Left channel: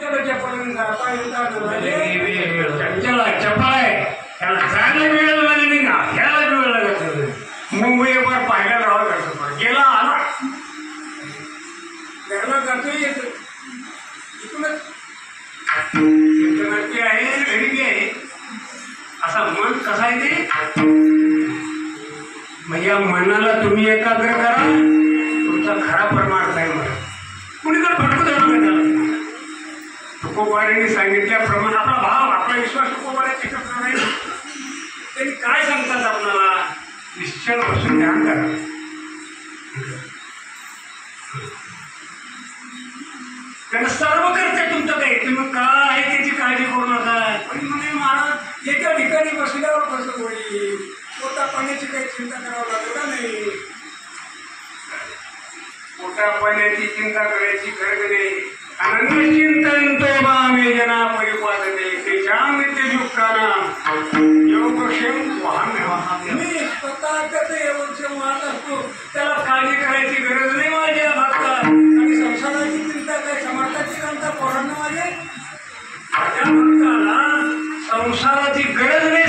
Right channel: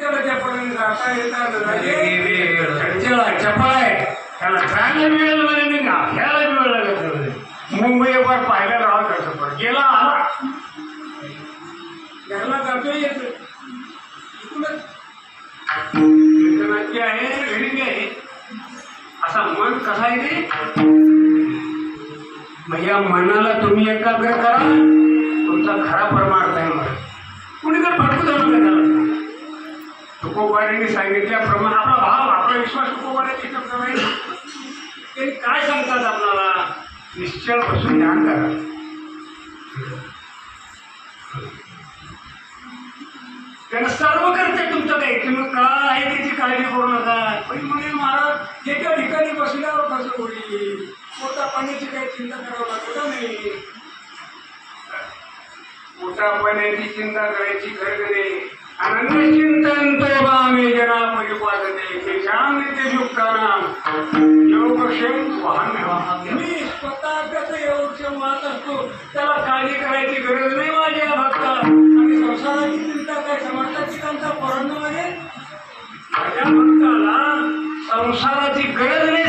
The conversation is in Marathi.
त्याला चपळीने जाता येतात चंचल चपळ आहे, त्याला खायला वेळ नाही ना ह्याला वेळ लागत. मुंबईवर पाहायला राहत असं गेला आला घरला जातो येत नक्की आहे घरी आहे असा मन कसा आहे ते. म्हणजे या मनाला तुम्ही एकाग्र करा, तुमचा खरा परमार्थ आहे. मला कुणी तर भटकू देणार त्याला. तुकोबारांनी सांगितल्याप्रमाणे आपला भाव आपला विश्वास तुकोबाराच्या प्रमाणे त्यांनी काय सांगतात आपल्याला, निश्चळ बसून ध्यान करा. त्यांना सर्व करते तुमचं काही, तुम्ही काय आहे त्याची काळजी करू नका. पण म्हणजे महाराज एका ठिकाणी बसल्यावर कसं होईल, पोटा पाण्याची काही चिंता करावं लागत नाही. पोटा पाण्याची चिंता करायची गरज नाही. अनन्यचिंतयन्तो मामे जना परिपालते तेषां नित्यदुःखानां योगक्षेम वहाम्यहम्. मी स्वतः त्याचं योगक्षेम वाहत असतो, त्याला काळजी करायची गरज नाही माझ्या भक्ता. आणि संसाराची चिंता काय, समर्थाची चिंता पोरांना माझ्या भक्ताला संसाराची गरज नाही.